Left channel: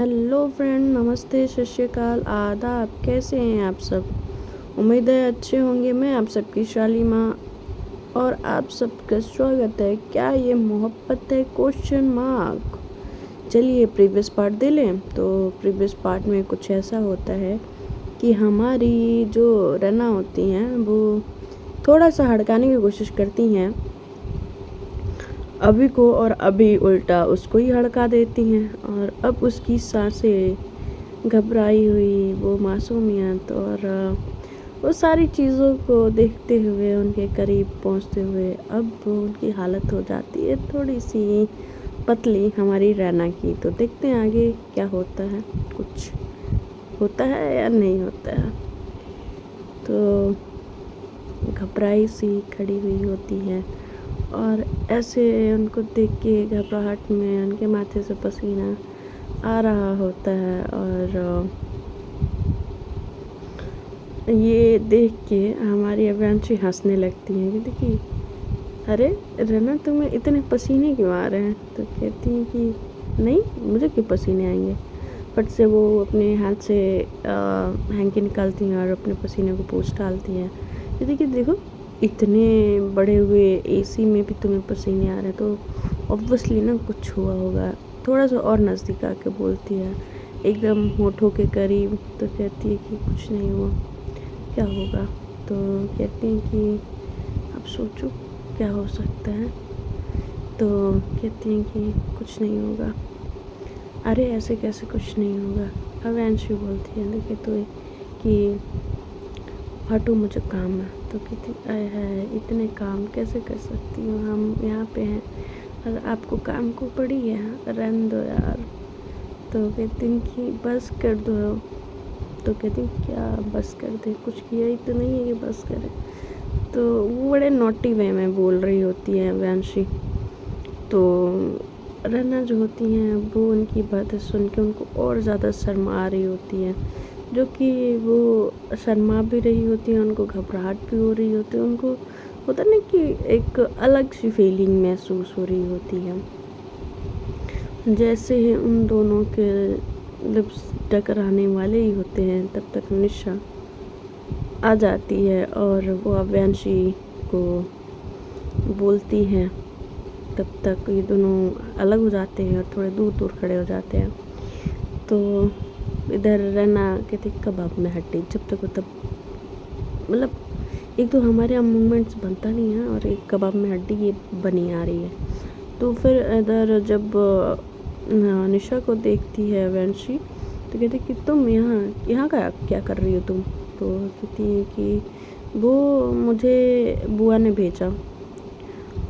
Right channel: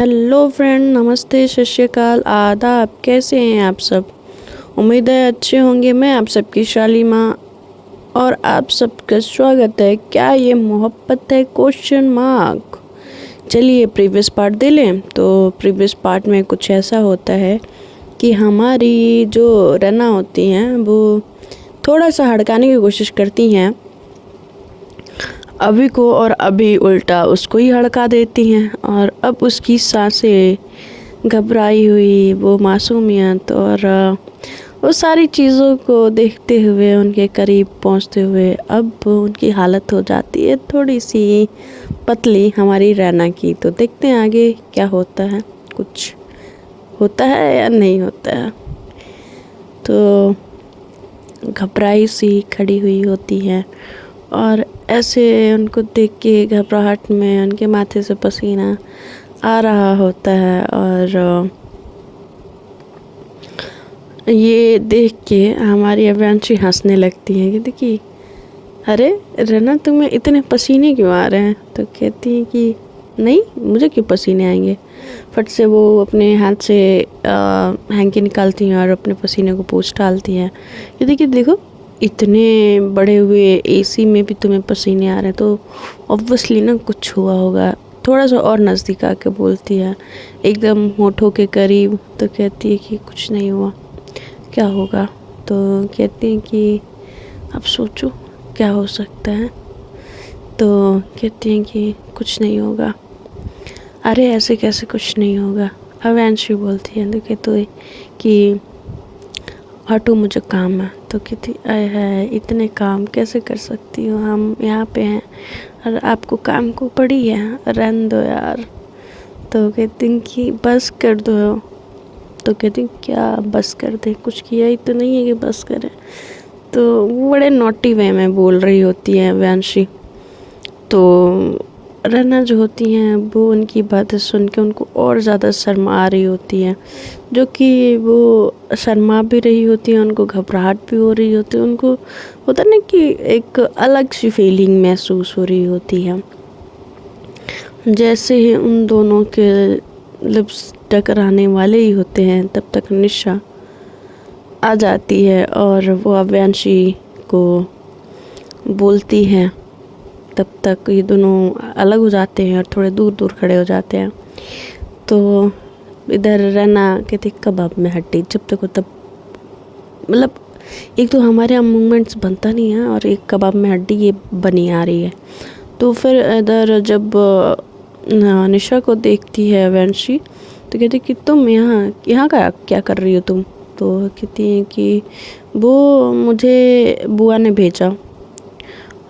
Hello friend, नमस्ते, सत श्री अकाल, आदाब। कैसे हैं आप सब? उम्मीद है अच्छे होंगे। मैं आप सबकी शालीमा और आप सबका स्वागत है। क्या ये मोहब्बत है? Question mark. चलिए प्रीवियस पार्ट दे लें। तो प्रीवियस पार्ट में कुछ ऐसा होता है कि हमारी जो रना होती हैं वो थोड़ा सा हड़काने की कोशिश करती हैं अभी को, और अभी उल्टा उसको ही हड़का देती हैं। और अब उसकी सांसें, घबराई हुई वो मासूमियत और वो सारी चीज़ों को देखते हुए, उनके करीब पहुंचते हुए अब उनकी हालत हो जाती है थोड़ी सी पतली हमारी रैना की। तो देखते हैं आगे क्या होता है, कुछ होता है या नहीं होता है। तो घबराई सी खड़ी हुई होती है और ऐसे उनको देख के घबराहट में उनके माथे से पसीना आ रहा होता है। और ये देख के हमारी अव्यांशी हंसने लगती है कि देखिए, अरे रना, तुम्हें इतने पसीने क्यों आ रहे हैं? तो कहती हैं कि नहीं, मुझे क्यों पसीने आएंगे। फट से वो अपने हाथ से हैंकी निकालती हैं और अपने पसीने को पोंछ डालती हैं। ये देखिए, देखो, इतने बड़े हुए एसी में भी तुम्हें पसीने आ रहे हैं, तो ऑब्वियसली ना कुछ हुआ होगा। थोड़ा सा और नज़दीक आके बोलती है, एकदम होठों के करीब। तो कहती है कि कुछ नहीं हुआ, क्या होगा? तो कहती हैं कि अब सोचो क्या हो सकता है। तो कहती हैं कि कुछ नहीं होगा। अरे ऐसे कैसे कुछ नहीं होगा? अवैंशी बोलती है, तो कहते कि हटो, मुझे काम है। तो कहती, आए है, इतने काम कैसे कर सकती हो? हम यहाँ पे हैं और आपको काम को पड़ी है, रहने दो यार। तो कहती हैं कि बस कर दो। तो कहती हैं क्या बस कर दे? कुछ किया ही तो नहीं है कि बस करें। तो वो बड़े नॉटी वे में बोल रही होती है व्यांशी। तो रना जो होती हैं वो उनकी बातें सुन के उनको और ज़्यादा शर्मा आ रही होती है, जो कि वो शर्मा भी रही होती है, उनको घबराहट भी हो रही होती है। उनको होता ना कि एक अलग सी फीलिंग महसूस हो रही होती है। जैसे ही उन दोनों के लिप्स टकराने वाले ही होते हैं, तब तक निशा आ जाती है और वो अव्यांशी को बोलती है। तब तक ये दोनों अलग हो जाते हैं और थोड़े दूर दूर खड़े हो जाते हैं। तो इधर रहना कहते कबाब में हड्डी, जब तक हो तब, मतलब एक तो हमारे यहाँ मूवमेंट्स बनता नहीं है और एक कबाब में हड्डी ये बनी आ रही है। तो फिर इधर जब निशा को देखती है वंशी, तो कहती कि तुम यहाँ का क्या कर रही हो तुम? तो कहती हैं कि वो मुझे बुआ ने भेजा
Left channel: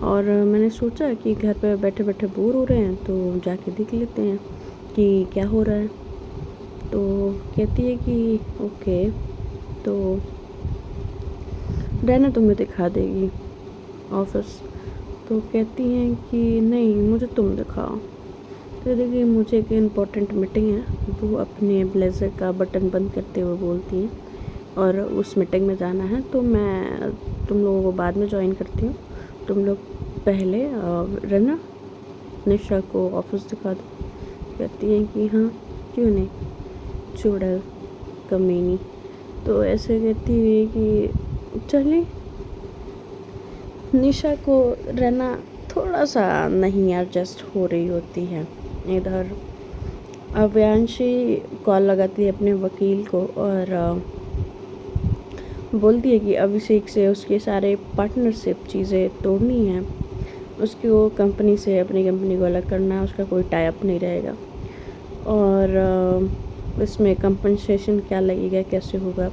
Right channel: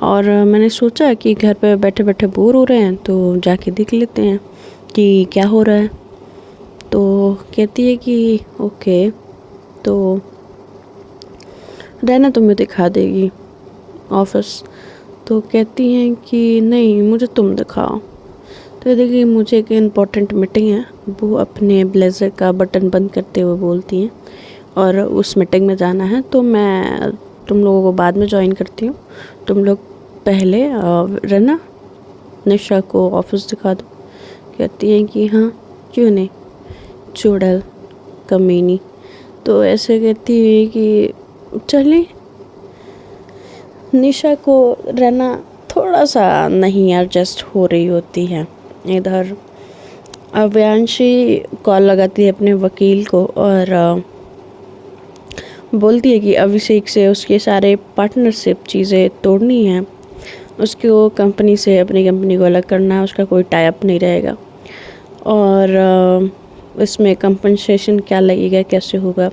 और मैंने सोचा कि घर पे बैठे बैठे बोर हो रहे हैं तो जाके देख लेते हैं कि क्या हो रहा है। तो कहती है कि ओके। तो रहना तुम्हें दिखा देगी ऑफिस। तो कहती हैं कि नहीं, मुझे तुम दिखाओ। तो देखिए, मुझे एक इम्पॉर्टेंट मीटिंग है, वो अपने ब्लेज़र का बटन बंद करते हुए बोलती हैं, और उस मीटिंग में जाना है। तो मैं तुम लोगों को बाद में ज्वाइन करती हूँ, तुम लोग पहले रहना निशा को ऑफिस दिखा दो। कहती हैं कि हाँ, क्यों नहीं, चुड़ैल कमीनी। तो ऐसे कहती है कि चलिए। निशा को रहना थोड़ा सा नहीं एडजस्ट हो रही होती है। इधर अव्यांशी कॉल लगाती है अपने वकील को और बोलती है कि अभिषेक से उसके सारे पार्टनरशिप चीज़ें तोड़नी है, उसको कंपनी से, अपनी कंपनी को अलग करना है, उसका कोई टाई अप नहीं रहेगा। और इसमें कंपनसेशन क्या लगेगा, कैसे होगा,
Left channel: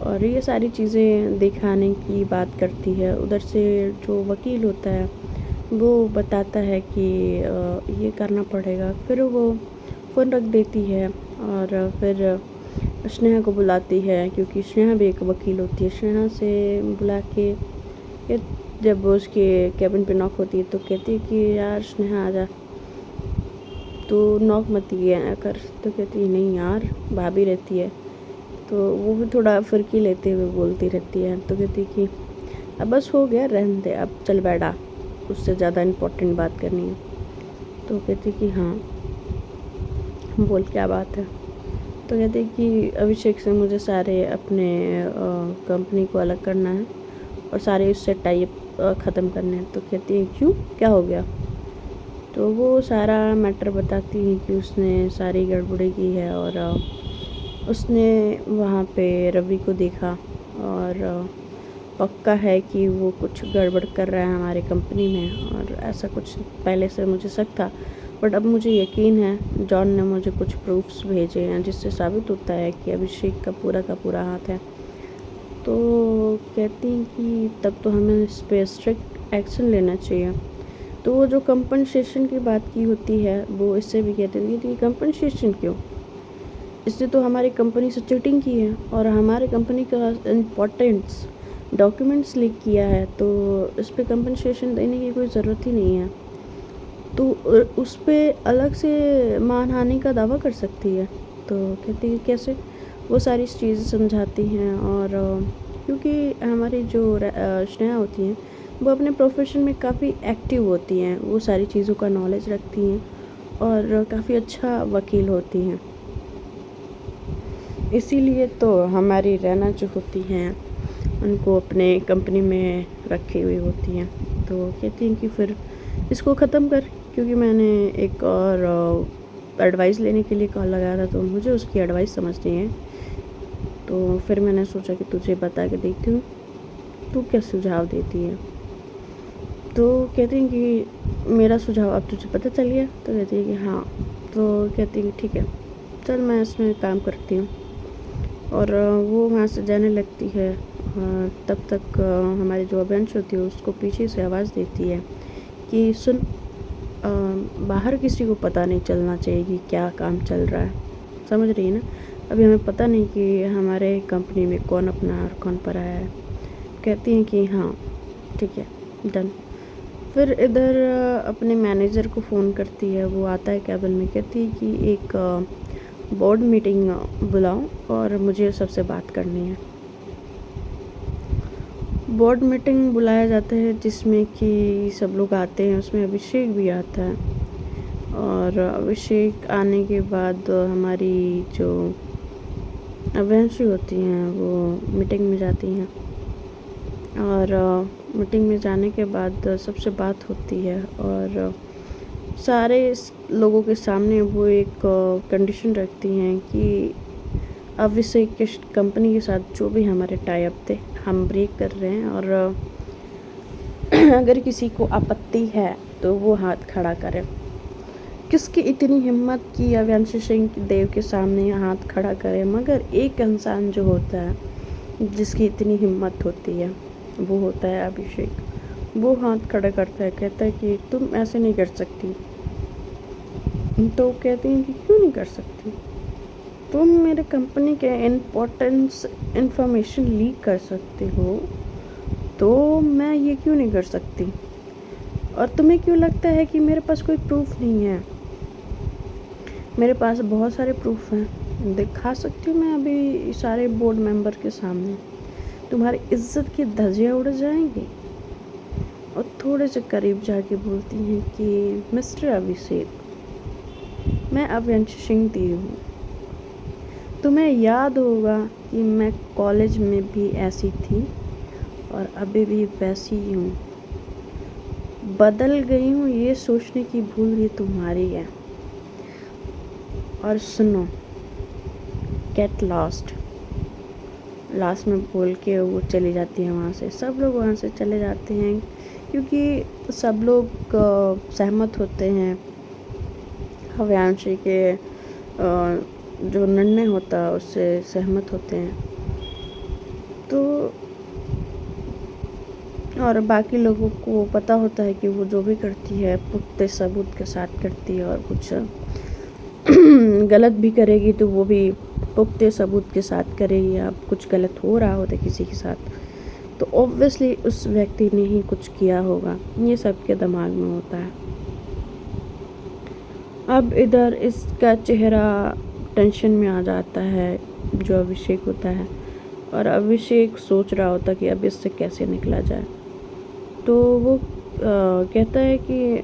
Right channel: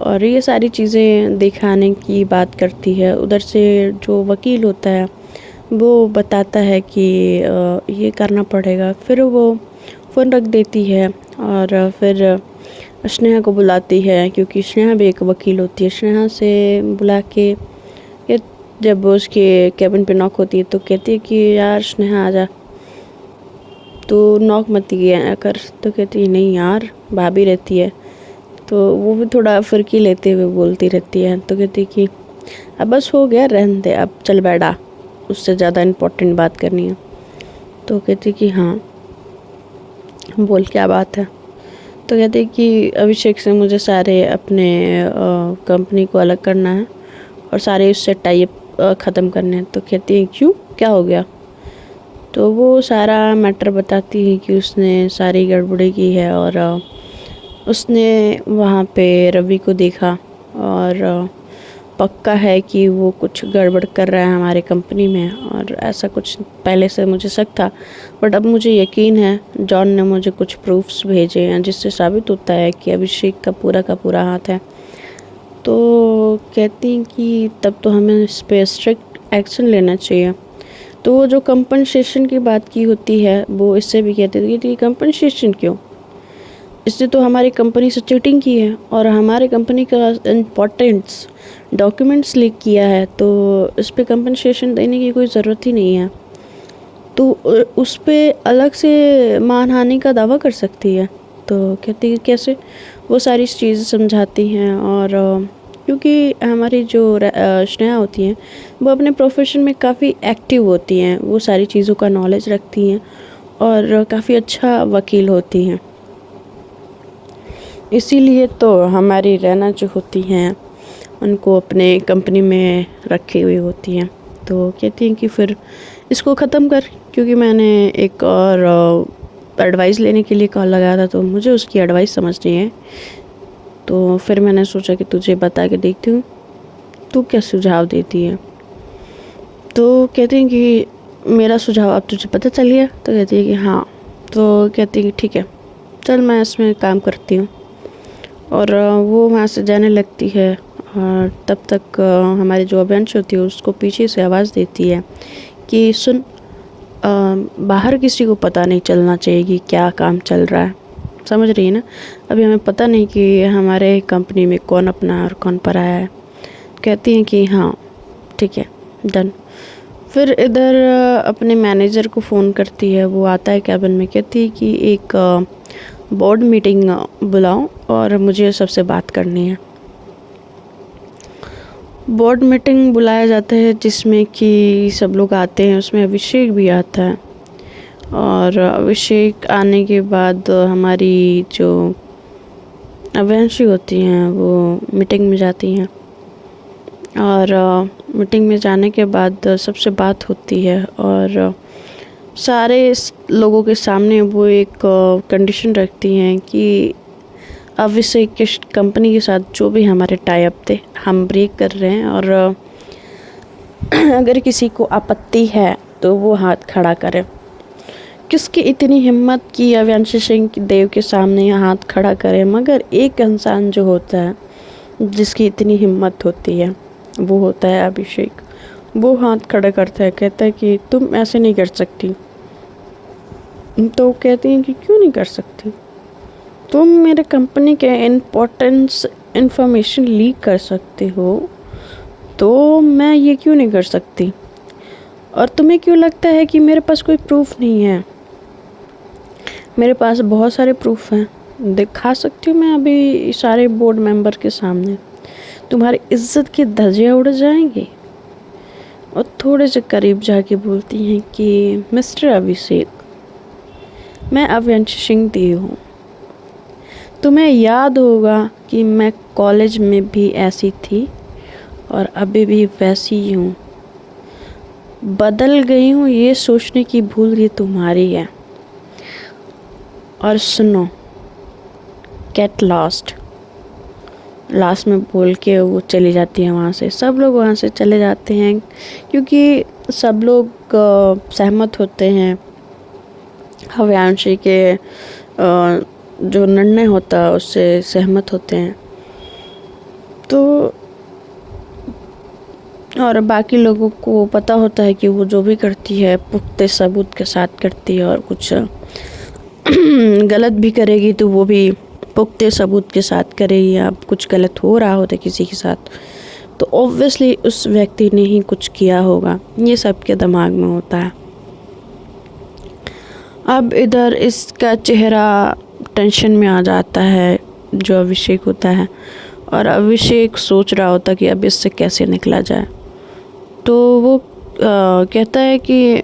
और ये सारी चीज़ें दिखाने की बात करती है। उधर से जो वकील होता है वो बताता है कि ये करना पड़ेगा। फिर वो फ़ोन रख देती है और फिर स्नेहा को बुलाती है, क्योंकि स्नेहा भी एक वकील होती है। स्नेहा से बुला के ये जब उसके कैबिन पे नॉक होती है तो कहती है कि यार स्नेहा आजा, तो नॉक मत किया कर। तो कहती है नहीं यार, भाभी रहती है। तो वो भी थोड़ा फिरकी लेते हुए बोलती रहती है। तो कहती कि अब बस हो गया, रहने दे, अब चल बैठा, उससे ज़्यादा इम्पोर्टेंट बात करनी है। तो कहती कि हाँ। बोल क्या बात है। तो कहते हैं कि अभिषेक से मुझे सारे अपने कंपनी को अलग करना है और सारे उससे टाइप ख़त्म करने हैं। तो कहती है क्यों, क्या हो गया। तो वो सारा मैटर बताती है कि उसने सारी गड़बड़ी की है और उसने वहाँ पे रवि को देखा और पक्का है कि वो कुछ गड़बड़ कर रहा है हमारे कंपनी में, और ऐसा कुछ पहले से मुझे शक था, बट अब मुझे यकीन है। जॉन ने मुझे कुछ प्रूफ्स भेजे हैं जिससे साबित होता है कि अभिषेक का पूरा हाथ है। तो कहती हैं कि तब तो हमें इस पर स्ट्रिक्ट एक्शन लेना चाहिए। तो वो जो कंपनसेशन की बात की होती है वो इससे भी कहती थी कि कंपनसेशन क्यों, इसने तो हमारी कंपनी से चीटिंग की है और हमारे कंपनी का इम्पोर्टेंट्स डॉक्यूमेंट्स लीक किया है, तो इस पर कंपनसेशन देने की कोई ज़रूरत ही नहीं है। तो उस पर अलग से मानहानि का दावा कर सकती है। तो कहती है कैसे, वो सारी चीज़ें समझाती हैं। और क्योंकि हमारी जो स्नेहा होती हैं वो अपने प्रोफेशन में काफ़ी एक्टिव होती हैं, वो सारी चीज़ों का नॉलेज रखती हैं और काफ़ी अच्छा वकील होती हैं। इसीलिए तो हमारी रैना जो होती हैं उनको अपने कंपनी में रखी हुई होती हैं। तो कहती हैं कि फिर इसको ख़त्म कर, क्योंकि मैंने एक और एडवाइस लेने के लिए कॉल लगाया था, तो मुझे उसकी एडवाइस समझनी है। तो फिर मैंने सोचा कि तुझे बता के देखती हूँ तू क्या सुझाव देती है। तो कहती हैं कि मेरा सुझाव अब तुझे पता चल गया। तो कहती है कि हाँ। तो कहती है कि ठीक है, चल मैं इसमें काम करती हूँ। और वो वहाँ से जाने लगती है। और तब तक हमारी जो अभियांश होती है उसको पीछे से आवाज़ देती है कि सुन, बाहर किसी को पता नहीं चलना चाहिए कि क्या काम चल रहा है, समझ रही है ना। अभी हमें पता नहीं कि हमारे कंपनी में कौन अपना और कौन पराया है। कहती हैं कि हाँ ठीक है, डन। फिर इधर अपने मैनेजर को फ़ोन करती है, वो आता है कैबिन में। कहती है कि एक बोर्ड मीटिंग बुलाओ और मुझे सबसे बात करनी है। बोर्ड मीटिंग बुलाया जाता है जिसमें कि सब लोग आते हैं, उसमें अभिषेक भी आता है। और अभिषेक आने के बाद हमारी जो अभियांशी होती हैं वो मीटिंग में जाती हैं। और मीटिंग में जाने के बाद सबसे बात होती है और सारे लोगों के सामने वो एक कंडीशन रखती हैं कि अभिषेक की कंपनी के साथ जो भी हमारे टाई अप थे हम ब्रेक कर रहे हैं, और अगर किसी को आपत्ति है तो वो हाथ खड़ा करे। किसकी इतनी हिम्मत कि अभियांश सिंह देव के सामने हाथ खड़ा करे, मगर एक इंसान जो होता है जिसकी इतनी हिम्मत होती है वो होता है अभिषेक। वो हाथ खड़ा करता है, कहता है कि तुम ऐसे नहीं कर सकती। तो कहती हैं कि क्यों नहीं कर सकती, तुम मेरे कंपनी के इम्पोर्टेंस इंफॉर्मेशन लीक कर सकते हो, तो मैं ये क्यों नहीं कर सकती। और तुम्हें क्यों लगता है कि मेरे पास कोई प्रूफ नहीं है। मेरे पास बहुत सारे प्रूफ हैं, दिखा सकती हूँ मैं अभी सारे बोर्ड मेंबर के सामने। तुम्हारी इज्जत की धज्जियाँ उड़ जाएंगी। और थोड़े से करीब जाके बोलती हैं कि मिस्टर अभिषेक, मैं अभियांश सिंह देव हूँ। तुम्हें याद होगा कि मैं कॉलेज में भी ऐसी थी और अभी भी वैसी ही हूँ। बदल गई हूँ ये सोचने की भूल ये तुम्हारी है। और सुनो, गेट लॉस्ट, लास्ट में बोल के वो चली जाती है वहाँ से। सब लोग वहाँ से चले जाते हैं क्योंकि सब लोग सहमत होते हैं अभियांशी के जो निर्णय होता है उससे सहमत होते हैं। तो और बाकी लोगों को पता होता है कि वो जो भी करती है पुख्ते सबूत के साथ करती है, और कुछ गलत भी करेगी तो वो भी पुख्ते सबूत के साथ करेगी। या कुछ गलत हो रहा होता है किसी के साथ तो ऑब्वियसली उस व्यक्ति ने ही कुछ किया होगा, ये सबके दिमाग में होता है। अब इधर इसका चेहरा टेंशन में आ जाता है जो अभिषेक होता है, और अभिषेक सोच रहा होता कि अब इससे कैसे निकला जाए। तो वो कहता है कि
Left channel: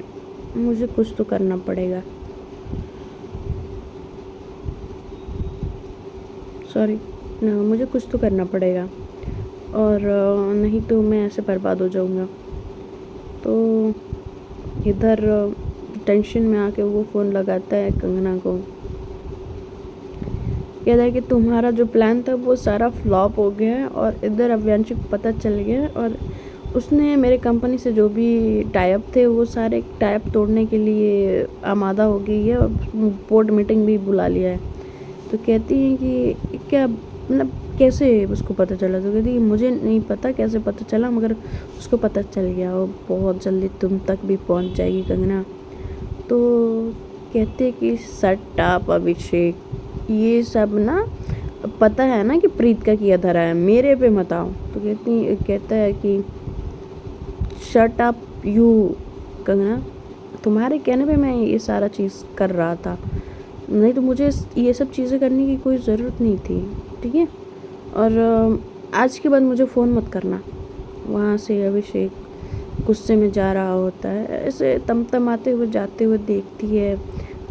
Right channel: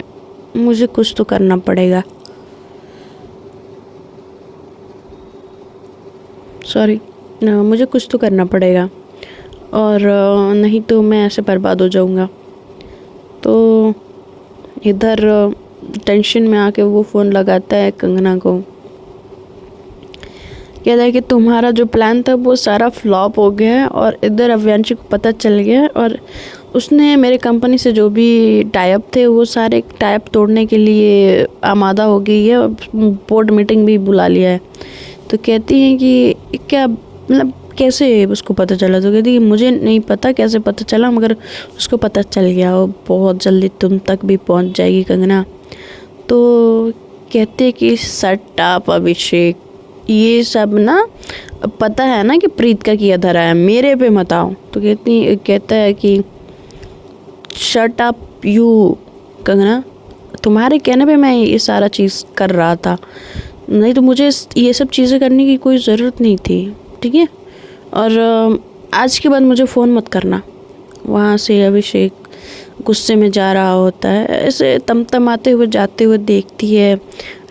मुझे कुछ तो करना पड़ेगा। सॉरी, मुझे कुछ तो करना पड़ेगा और नहीं तो मैं ऐसे बर्बाद हो जाऊँगा। तो इधर टेंशन में आके वो फ़ोन लगाता है कंगना को, कहता है कि तुम्हारा जो प्लान था वो सारा फ्लॉप हो गया है और इधर अव्यांशी को पता चल गया और उसने मेरे कंपनी से जो भी टाइप थे वो सारे टाइप तोड़ने के लिए आमादा हो गई है और बोर्ड मीटिंग भी बुला लिया है। तो कहती हैं कि क्या मतलब कैसे उसको पता चला? तो कहती है मुझे नहीं पता कैसे पता चला, मगर उसको पता चल गया और बहुत जल्दी तुम तक भी पहुंच जाएगी कंगना। तो कहते कि शट अप अभिषेक, ये सब ना पता है ना कि प्रीत का किया धरा है, मेरे पे मत आओ। तो कहता है कि शट अप यू कंगना, तुम्हारे कहने पे मैं ये सारा चीज़ कर रहा था, नहीं तो मुझे ये सब चीज़ें करने की कोई ज़रूरत नहीं थी, ठीक है? और आज के बाद मुझे फ़ोन मत करना। वहाँ से अभिषेक गुस्से में जा रहा होता है, ऐसे तमतमाते हुए जाते हुए देखती है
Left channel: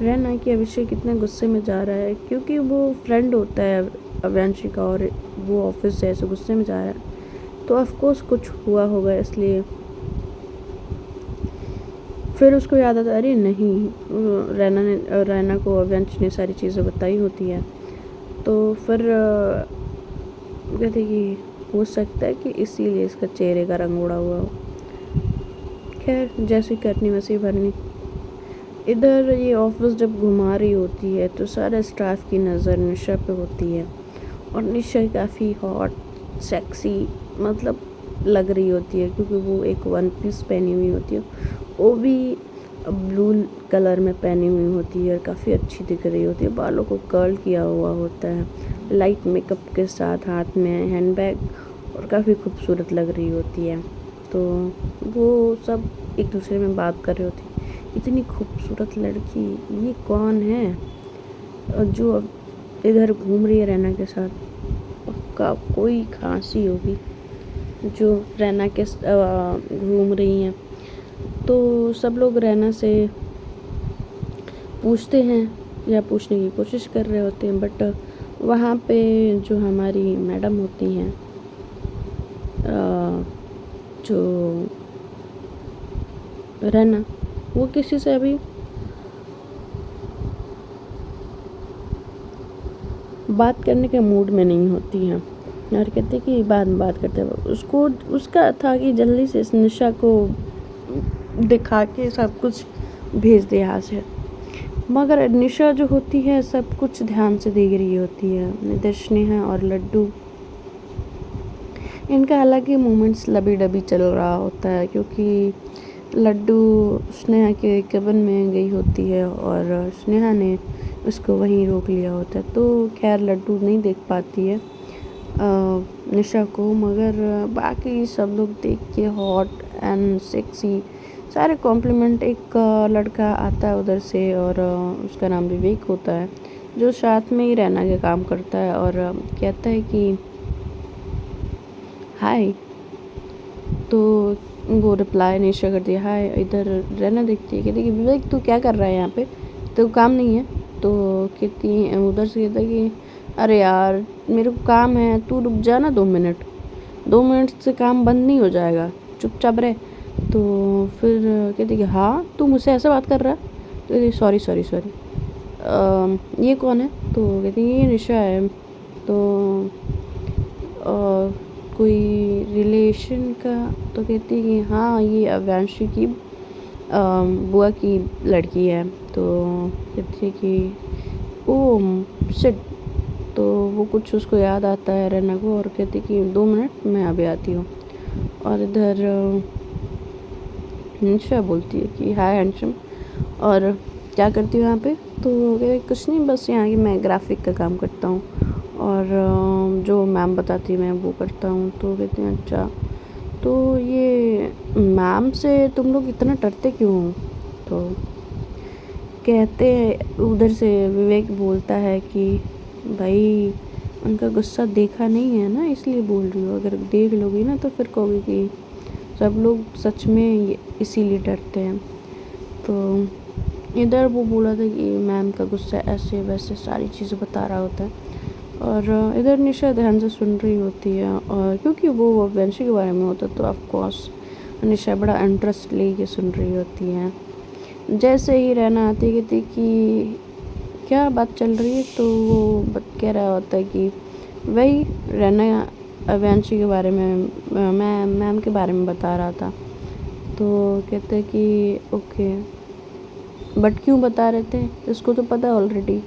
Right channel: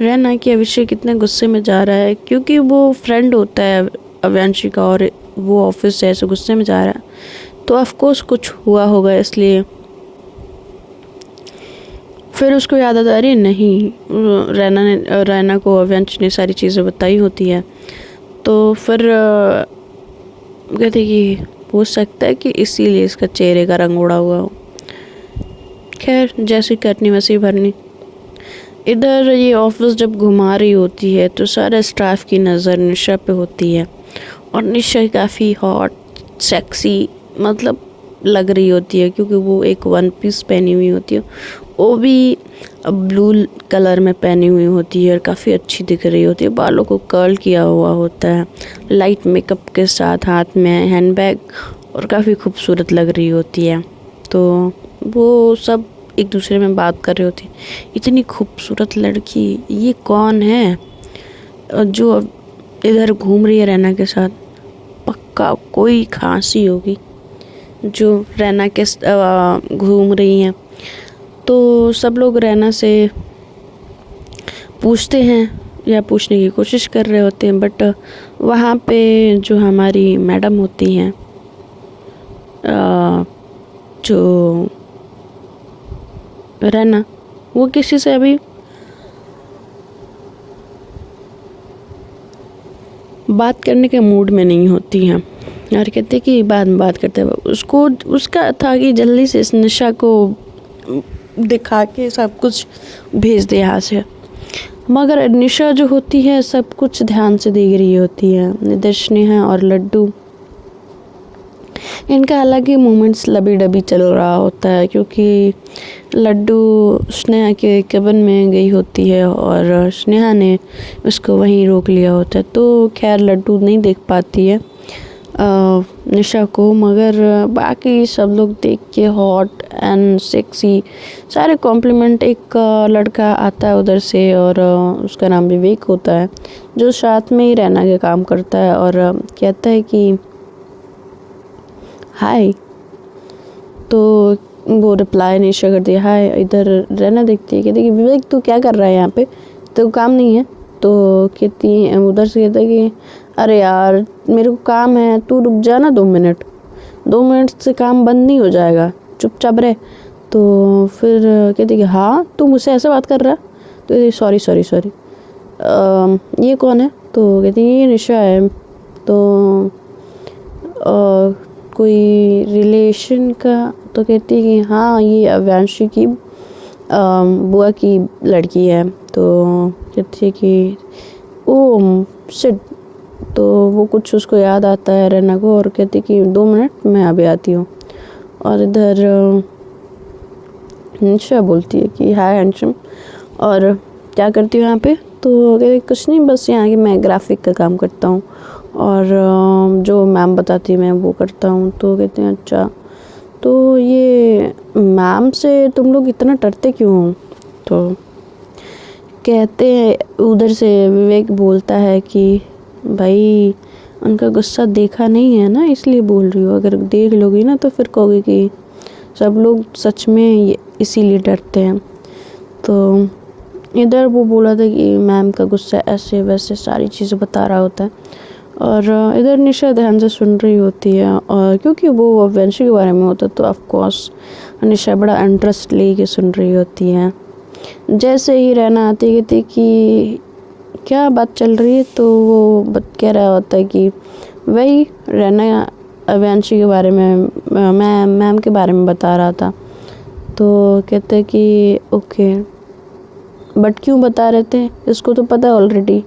रहना कि अभिषेक इतने गुस्से में जा रहा है, क्योंकि वो फ्रेंड होता है अव्यांशी का और वो ऑफिस से ऐसे गुस्से में जा रहा है तो ऑफकोर्स कुछ हुआ होगा इसलिए। फिर उसको याद आता अरे नहीं, रैना को अव्यांशी ने सारी चीज़ें बताई होती है। तो फिर कहते कि हो सकता है कि इसीलिए इसका चेहरे का रंग उड़ा हुआ हो। खैर जैसी कटनी वैसी भरनी। इधर ये ऑफिस जब घुमा रही होती है तो सारा स्टाफ की नज़र निशा पे होती है और निशा काफ़ी हॉट सेक्सी मतलब लग रही होती है, क्योंकि वो एक वन पीस पहनी हुई होती है, वो भी ब्लू कलर में पहनी हुई होती है और काफ़ी अच्छी दिख रही होती है। बालों को कर्ल किया हुआ होता है, लाइट मेकअप के साथ, हाथ में हैंडबैग और काफ़ी खूबसूरत लग रही होती है। तो वो सब एक दूसरे में बात कर रहे होती, इतनी खूबसूरत लड़की ये कौन है जो इधर घूम रही है रैना के साथ? पक्का कोई खांसी होगी जो रैना के घूम रही हैं। तो सब लोग रैना से पूछते हैं या पूछने की कोशिश कर रहे होते हैं, बट वहाँ पे जो हमारी मैडम होती हैं जो रैना, वो किसी से अभी बात करने के मूड में नहीं होती हैं और कहते कि बाद में बात करते हैं। उसको उसका था कि जल्दी से इस निशा को दिखा के सब कुछ भेज दे यहाँ से, मगर निशा जो होती है सब कुछ ध्यान से देख रही होती है। इधर स्नेहा और लड्डू, इनका अलग ही मोमेंट्स लबी डबी चल रहा होता है, क्योंकि लड्डू स्नेहा के केबिन में गई होती है और स्नेहा ने उसको वहीं रोक लिया होता है। तो खैर लड्डू नहीं देख पाती है निशा को, मगर बाकी सब लोग देख के हॉट एंड सेक्सी सारे कॉम्प्लीमेंट। एक लड़का आता है उधर से और उसका नाम विवेक होता है, जो साथ में ही रहना के काम करता है और कहता है कि हाय। तो वो रिप्लाई निशा करती है हाय। इधर रहना देखती है, कहती है कि विवेक तू क्या कर रहा है यहाँ पे, तो काम नहीं है? तो कहती उधर से कहता है कि अरे यार मेरे को काम है, तू रुक जा ना 2 मिनट, 2 मिनट से काम बंद नहीं हो जाएगा, चुपचाप रहे। तो फिर कहती कि हाँ तू मुझसे ऐसे बात कर रहा है? तो कहती सॉरी सॉरी सॉरी, ये कौन है? तो कहती ये निशा है। तो कोई रिलेशन का? तो कहती है कि हाँ ये अव्यांशी की बुआ की लड़की है। तो कहती है कि ओ शिट। तो वो कुछ उसको याद आता है रैना को और कहती कि 2 मिनट मैं अभी आती हूँ। और इधर निशा बोलती है कि हाय हैंडसम, और क्या करती हूँ यहाँ पे? तो कहती कुछ नहीं, बस यहाँ के मैं ग्राफिक का काम करता हूँ और जो मैम बताती है मैं वो करता हूँ। तो कहते हैं अच्छा, तो ये मैम से तुम लोग इतना डरते क्यों हो? तो कहते हैं उधर से विवेक बोलता है कि भाई उनका गुस्सा देखा नहीं है ना, इसलिए बोल रही हो, अगर देख लोगी ना तो फिर कहोगे कि सब लोग सच में इसीलिए डरते हैं। तो इधर वो बोला था कि मैम का गुस्सा ऐसे वैसे सारी चीज़ें बता रहा होता है और इधर निशा ध्यान से सुन रही होती है, और क्योंकि वो वंशी के बारे में होता तो ऑफ कोर्स निशा बड़ा इंटरेस्ट लेके सुन रही होती है। जैसे ही रहना आती कहती कि क्या बात चल रही है, तो वो कह रहा होता है कि वही रहना वंशी के बारे में, मैं मैम के बारे में बता रहा था। तो कहते हैं कि ओके, बट क्यों बता रहे थे, इसको तो पता है ऑलरेडी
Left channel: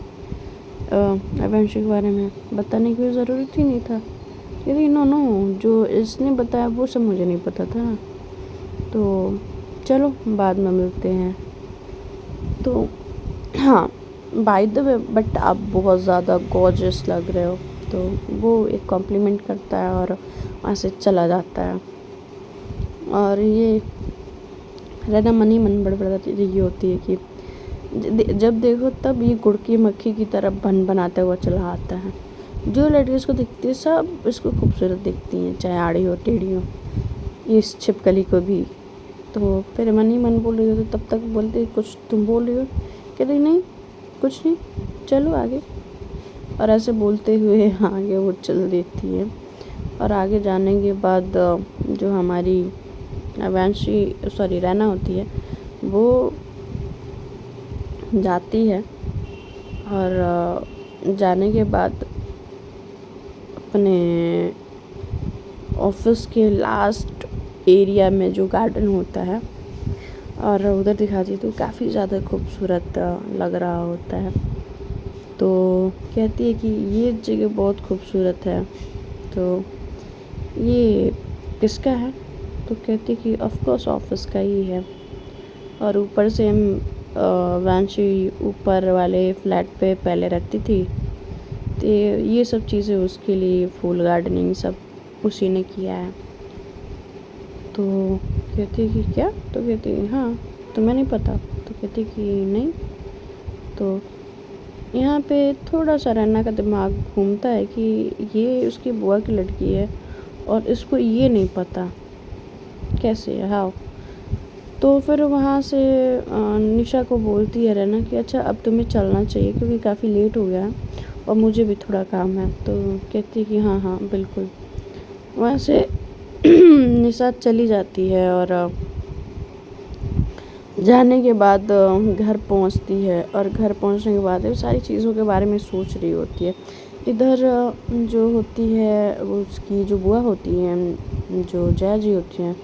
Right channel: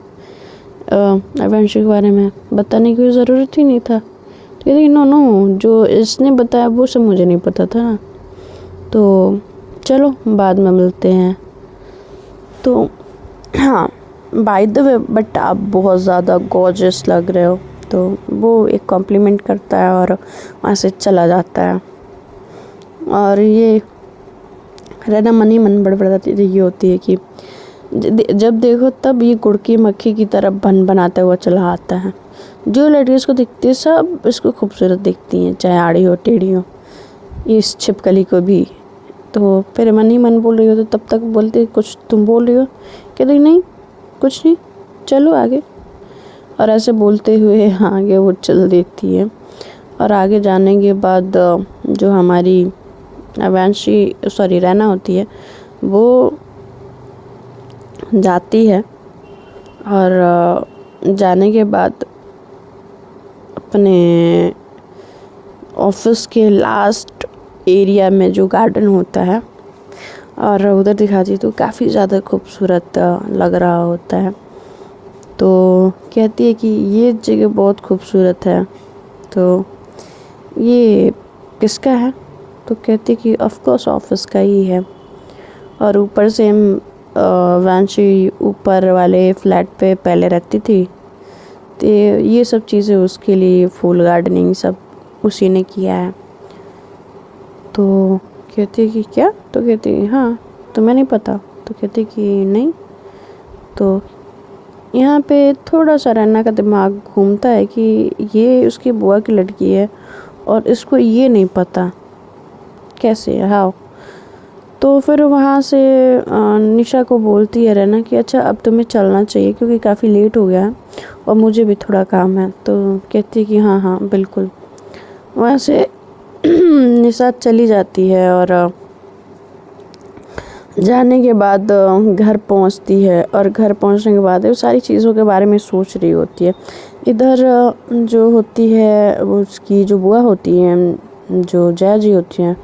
वंशी के बारे में, बताने की ज़रूरत ही नहीं था। तो कहते नो नो, जो इसने बताया वो सब मुझे नहीं पता था ना, तो चलो बाद में मिलते हैं। तो हाँ, बाय द वे बट आप बहुत ज़्यादा गॉर्जियस लग रहे हो, तो वो एक कॉम्प्लीमेंट करता है और वहाँ से चला जाता है। और ये रहना मन ही मन बड़बड़ाती ये होती है कि जब देखो तब ये गुड़ की मक्खी की तरह बन बनाता हुआ चला आता है। जो लड़की इसको दिखती है सब इसको खूबसूरत दिखती हैं, चाहे आड़ी हो टेढ़ी हो, इस छिपकली को भी। तो फिर मन ही मन बोल रही हो, तो तब तक बोलती कुछ तुम बोल रही हो, कहती नहीं कुछ नहीं, चलो आगे। और ऐसे बोलते हुए आगे वो चल देती है। और आगे जाने के बाद जो हमारी रहना होती है वो जाती है, और जाने के बाद अपने ऑफिस के लास्ट एरिया में जो गार्डन होता है और उधर दिखाती तो काफ़ी ज़्यादा खूबसूरत लग रहा होता है। तो कहती है कि ये जगह बहुत खूबसूरत है, तो ये किसका है? तो कहती कि ऑफ कोर्स ऑफिस का ही है। और ऊपर से हम वांशी ऊपर वाले फ्लैट पे पहले रहती थी, तो ये सब चीज़ें उसके लिए, फूल गार्डनिंग सब उसी ने किया है। तो कहती कि क्या? तो कहती हाँ, तुम्हें नहीं पता? तो कहती कि नहीं। तो यहाँ पे थोड़ा सा रन्ना का दिमाग घूमता है कि ये उसकी बुआ की लड़की है और इसको ये नहीं पता, कैसे हाउ। तो फिर वहाँ से निशा को बोलती है रन्ना कि अच्छा अब तुम्हें चलना चाहिए क्योंकि काफ़ी लेट हो गया है और मुझे भी थोड़ा काम है। तो कहती है कि हाँ हाँ बिल्कुल। वहाँ से निशा चली जाती है और जाने के बाद घर पहुंचती है, और घर पहुंचने के बाद वो सारी चीज़ों के बारे में सोच रही होती है। इधर जो होती है वो उसकी जो बुआ होती हैं, जो जया जी होती हैं,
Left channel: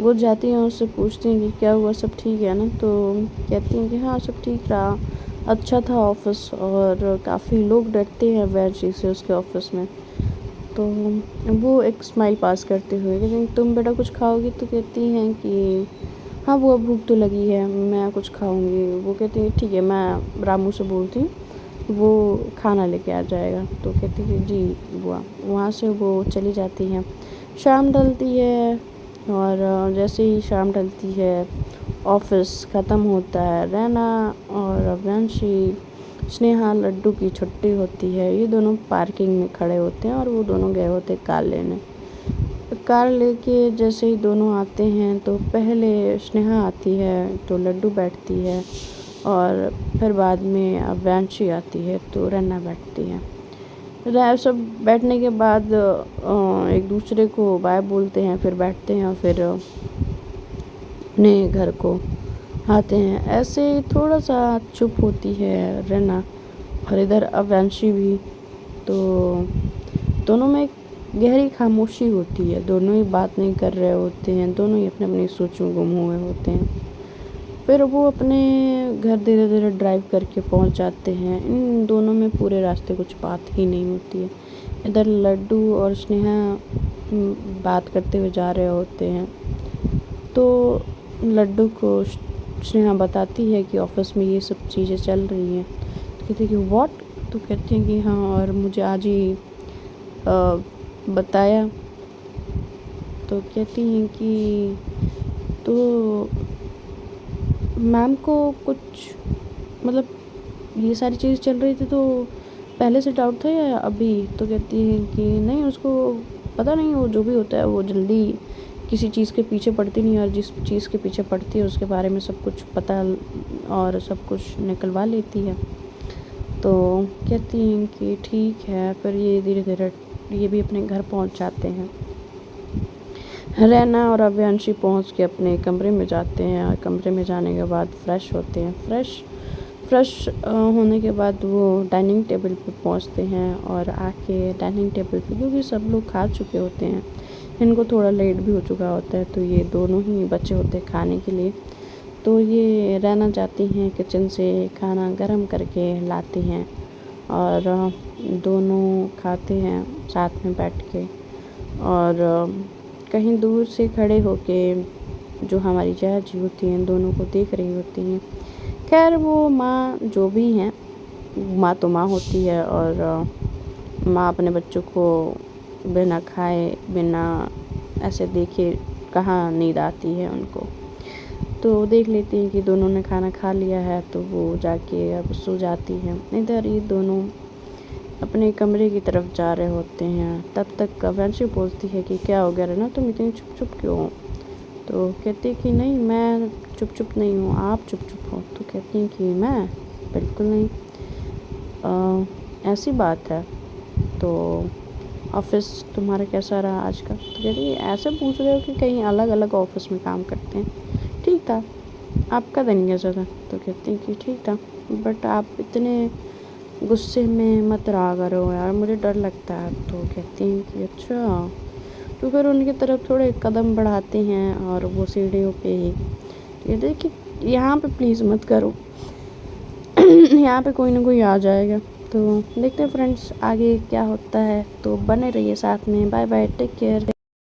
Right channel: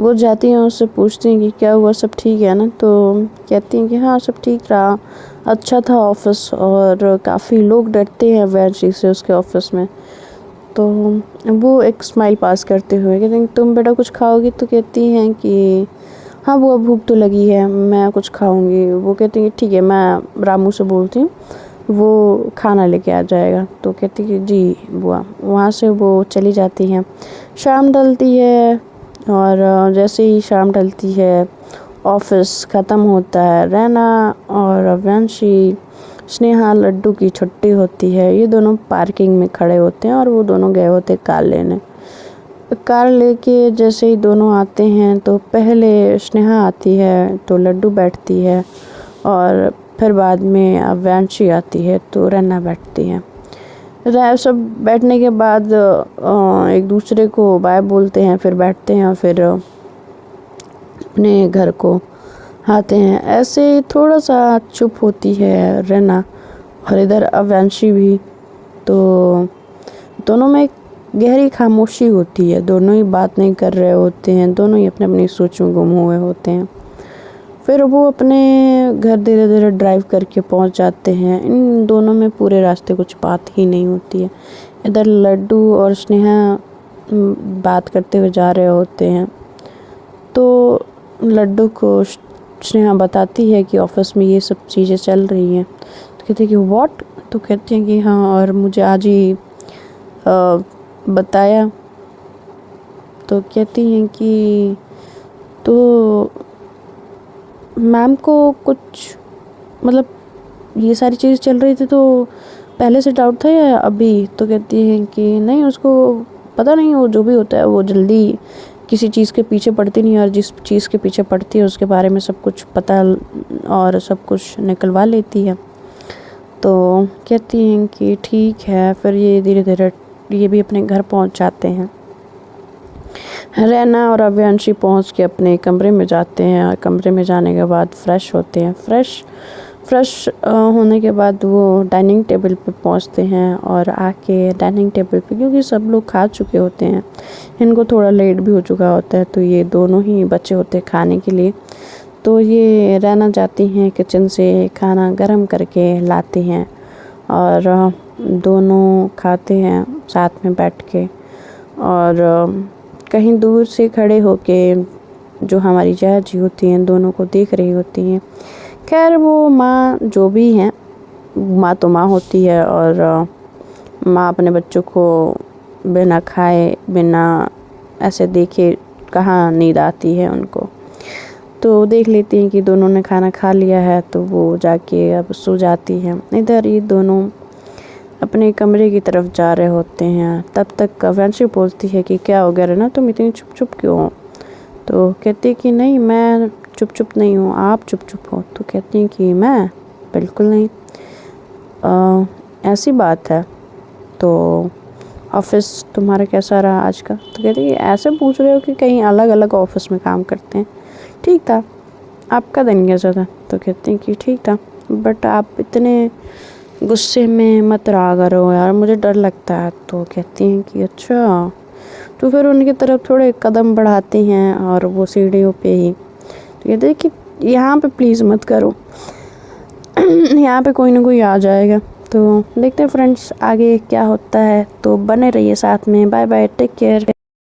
वो जाती हैं उससे पूछती हैं कि क्या हुआ, सब ठीक है ना? तो कहती हैं कि हाँ सब ठीक रहा, अच्छा था ऑफिस, और काफ़ी लोग डरते हैं वैंशी से उसके ऑफिस में। तो वो एक स्माइल पास करते हुए कहते हैं तुम बेटा कुछ खाओगी? तो कहती हैं कि हाँ बुआ भूख तो लगी है, मैं कुछ खाऊंगी। वो कहती है ठीक है, मैं रामू से बोलती हूँ, वो खाना लेके आ जाएगा। तो कहती है जी बुआ। वहाँ से वो चली जाती हैं। शाम ढलती है, और जैसे ही शाम ढलती है ऑफिस ख़त्म होता है। रैना और वंशी, स्नेहा, लड्डू की छुट्टी होती है, ये दोनों पार्किंग में खड़े होते हैं और वो दोनों गए होते कार लेने। कार लेके जैसे ही दोनों आते हैं तो पहले स्नेहा आती है तो लड्डू बैठती है, और फिर बाद में वंशी आती है तो रन्ना बैठती है। सब बैठने के बाद एक दूसरे को बाय बोलते हैं, फिर बैठते हैं और फिर अपने घर को आते हैं। ऐसे थोड़ा सा चुप होती है रन्ना, और इधर वंशी भी। तो दोनों में एक गहरी खामोशी होती है, दोनों ही बात नहीं कर रहे होते हैं, दोनों ही अपने अपनी सोच में गुम हुए होते हैं। फिर वो अपने घर धीरे धीरे ड्राइव करके पहुंच जाते हैं। इन दोनों में पूरे रास्ते कुछ बात ही नहीं होती है। इधर लड्डू और स्नेहा बात करते हुए जा रहे होते हैं, तो लड्डू को स्नेहा बताती है कि ऑफिस में ये सब चीज़ें चल रही हैं। तो कहते हैं कि व्हाट? तो कहते हैं कि हाँ, और मुझे आज ही बताया। तो कहती हैं कि तो मैम को कुछ मतलब ये सारी चीज़ चल रही थी तो पहले से डाउट था या अभी? तो कहती हैं कि नहीं, उसको पता नहीं, वो जो भी होता है वो जल्दी किसी चीज़ के पीछे पड़ती नहीं, और जिस चीज़ के पीछे पड़ती है उसके बारे में सब कुछ पता और सब कुछ निकलवा लेती है। तो कहती हैं कि ठीक है। फिर ये धीरे धीरे ये भी अपने घर पहुंच जाते हैं। रैना और अव्यांशी पहुंच के अपने कमरे में जाते हैं और कमरे में जाने के बाद फ्रेश होते हैं। फ्रेश होने के बाद वो डाइनिंग टेबल पर पहुंचते हैं और आके डाइनिंग टेबल पे, क्योंकि सब लोग खा चुके होते हैं, इनको थोड़ा लेट भी हो चुका होता है, तो ये दोनों ही बचे होते हैं खाने के लिए। तो ये रैना जाती हैं किचन से खाना गरम करके लाती हैं और दोनों खाते हैं साथ में बैठ के। और कहीं दूर से खड़े होके जो हमारी जया जी होती हैं दोनों को देख रही होती हैं। खैर वो माँ जो भी हैं, माँ तो माँ होती है और माँ अपने बच्चों को बिना खाए बिना ऐसे देखे कहाँ नींद आती है उनको। तो देख लेती हैं कि दोनों ने खाना खा लिया है, तो वो जाके अब सो जाती है। इधर ये दोनों अपने कमरे की तरफ जा रहे होते हैं। तब तक वंशी बोलती है कि क्या हो गया रना, तुम इतनी चुप चुप क्यों हो? तो कहती है कि नहीं, मैं चुप चुप नहीं हूँ, आप चुप चुप हो। तो कहती हैं कि मैं बिल्कुल नहीं, ऐसी बात है। तो ऑफिस तुम्हारा कैसा रहा आज का? तो कहती है ऐसे पूछ रहे हो कि कहीं अलग अलग ऑफिस में काम करते हैं। ठीक था, आपका दिन कैसा था? तो कहते हैं कि ठीक था, बट आप इतने गुस्से में मत रहा करो यार, मुझे डर लगता है। तो कहती हैं कि अच्छा। तो फिर उनकी तरफ थोड़े कदम बढ़ाती हैं और वो सीढ़ियों पे ही। तो कहते हैं कि यहाँ पे प्लीज़ मत करो यहाँ पे कोई ना कोई आ जाएगा। तो देखते हैं फ्रेंड्स आगे क्या होता है, तो बने रहिए साथ में। Bye bye, take care.